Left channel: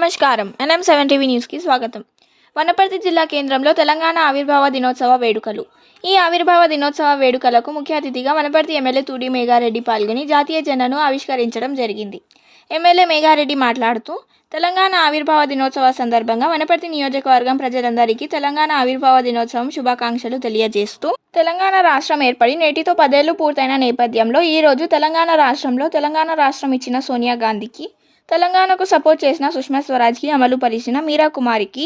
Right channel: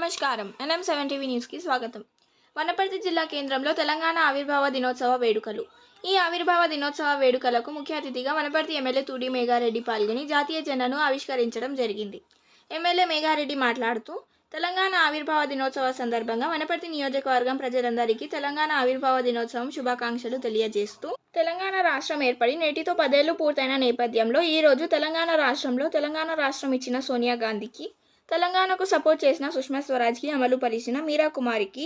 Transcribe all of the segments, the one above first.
నమస్కారం. NM7 TV న్యూస్కి స్వాగతం. వనపర్తి జిల్లా కేంద్రంలో తెలంగాణ ఆవిర్భావ దినోత్సవ వేడుకలు. ఈ ఆవిర్భావ దినోత్సవ వేడుకలకు ముఖ్య అతిథిగా వనపర్తి ఎమ్మెల్యే తూడి మేఘారెడ్డి పాల్గొని జాతీయ జెండాను ఆవిష్కరించడం జరిగింది. ఎమ్మెల్యే మేఘారెడ్డి మాట్లాడుతూ, తెలంగాణ ఆవిర్భావ దినోత్సవ సందర్భంగా వనపర్తి నియోజకవర్గం ప్రజలందరికీ తెలంగాణ ఆవిర్భావ దినోత్సవం శుభాకాంక్షలు తెలియజేస్తూ, తెలంగాణ రాష్ట్రం ఏర్పడి నేటితో 10 ఏళ్లు పూర్తయిన నేపథ్యంలో ఈరోజు తెలంగాణ రాష్ట్రం ఇచ్చిన సోనియా గాంధీకి, తెలంగాణకు సపోర్ట్ చేసిన సుష్మా స్వరాజ్కి, అమలు పరిచిన మీరా కుమారికి,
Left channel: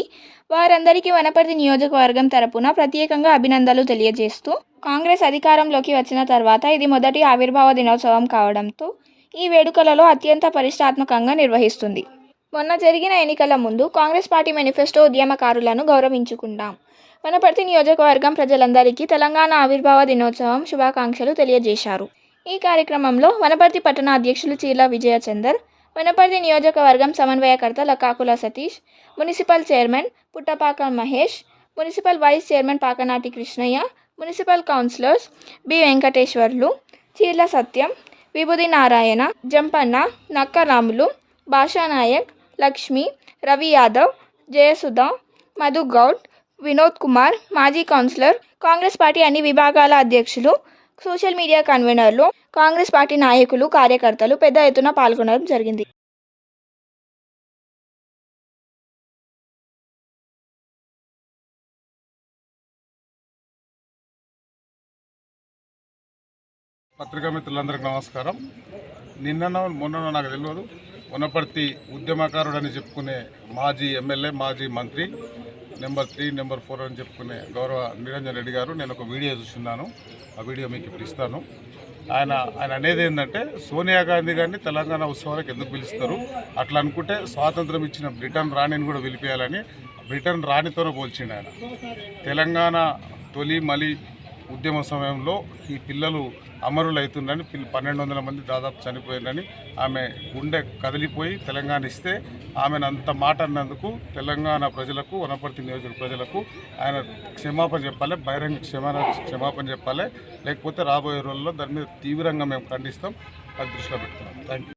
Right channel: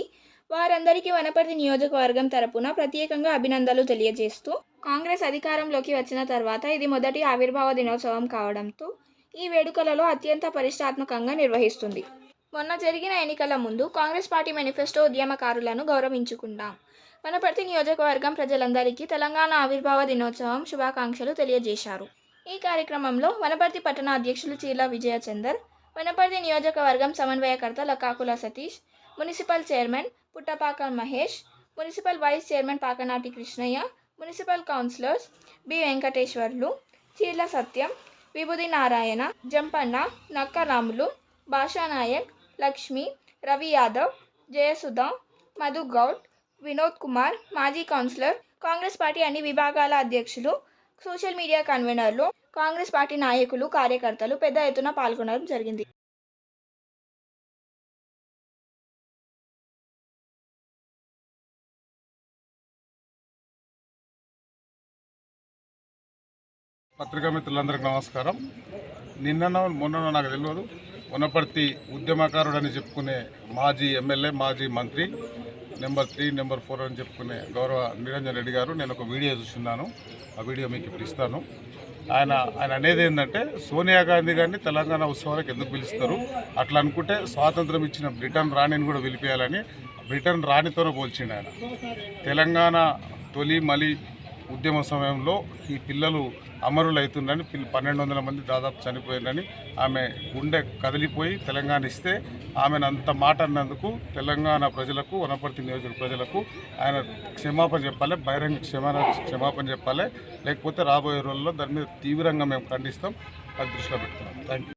వారందరికీ వనపర్తి నియోజకవర్గం తరపున ప్రత్యేకంగా అభినందనలు తెలియజేస్తూ, కాంగ్రెస్ అధికారంలోకి వచ్చిన తర్వాత ఇది మొదటి ఆవిర్భావ దినోత్సవం కావడంతో ఈ వేడుకలలో అత్యంత ప్రతిష్టాత్మకంగా నిర్వహిస్తుంది. మొన్న జరిగిన ఎన్నికల ముందు కాంగ్రెస్ పార్టీ మేనిఫెస్టో ఉద్యమకారులను గౌరవించుకుంటాం. వనపర్తి నియోజకవర్గం ప్రజలందరికీ తెలంగాణ ఆవిర్భావ దినోత్సవం శుభాకాంక్షలు తెలియజేశారు. ఈ కార్యక్రమంలో వనపర్తి పట్టణ అధ్యక్షులు చీర్ల విజయచందర్, వనపర్తి నియోజకవర్గం సమన్వయకర్త Lakakula Satish, municipal chairman Puttapaka Mahesh, municipal vice chairman Pakanati Krishnaiah, municipal councillors B Venkateshwarlu, Cheerla Satyam, Vibhudi Narayana, Jampanna, Nakka Ramulu, భాషానాయక్, Lakshmi, Ravi Yadav, Jayasudha, Madhu Goud, Vinod Kumar, మాజీ కౌన్సిలర్, కాంగ్రెస్ పార్టీ అన్ని విభాగాల అధ్యక్షులు, సోషల్ మీడియా కన్వీనర్లు, కాంగ్రెస్ పార్టీ నాయకులు, కార్యకర్తలు పెద్ద ఎత్తున పాల్గొనడం జరిగింది. పత్రికా మిత్రులందరికీ నమస్కారం. నిన్న మొన్న నాకు తెలియదు, వనపర్తి ఉద్యమకారుడని చెప్పుకునే మాజీ ఎమ్మెల్యే, మాజీ మంత్రి, నెంబర్ 3, నెంబర్ 4 అని చెప్పుకునే గౌరవ నిరంజన్ రెడ్డి గారు, నేను ఒక వీడియో చూస్తున్నాను. ఆ వీడియో మీకు ఇప్పుడు ఇస్తాను. ఆయన అనేది ఏంటంటే, సోనియా గాంధీ గారిని తెలంగాణ ఉత్సవాలకు ఎందుకు పిలుస్తారు, అట్లా అనుకుంటే స్వాతంత్రం ఇచ్చిన బ్రిటన్ రాణిని కూడా పిలిపేయాలని బ్రిటన్ రాణితోనే పోల్చిండు ఆయన. తెలంగాణ తొలి మలి ఉద్యమ సమయంలో ఈ పిల్లలు అమరులు అవుతుందని 1200 మంది దాదాపు చనిపోయిందని ఆమె గుండె కదిలిపోయి తెలంగాణ ఇస్తే ఆమెను అంత మాట అన్నందుకు తెలంగాణ ప్రజలకు, వనపర్తి నియోజక ప్రజలకు ఆయన క్షమాపణ చెప్పాలి, బహిరంగ క్షమాపణ చెప్పాలి. లేకపోతే రాబోయే రోజుల్లో దాని మీద తీవ్రంగా మేము ఖండిస్తాం. అది దృష్టిలో పెట్టుకున్నాం. Thank you.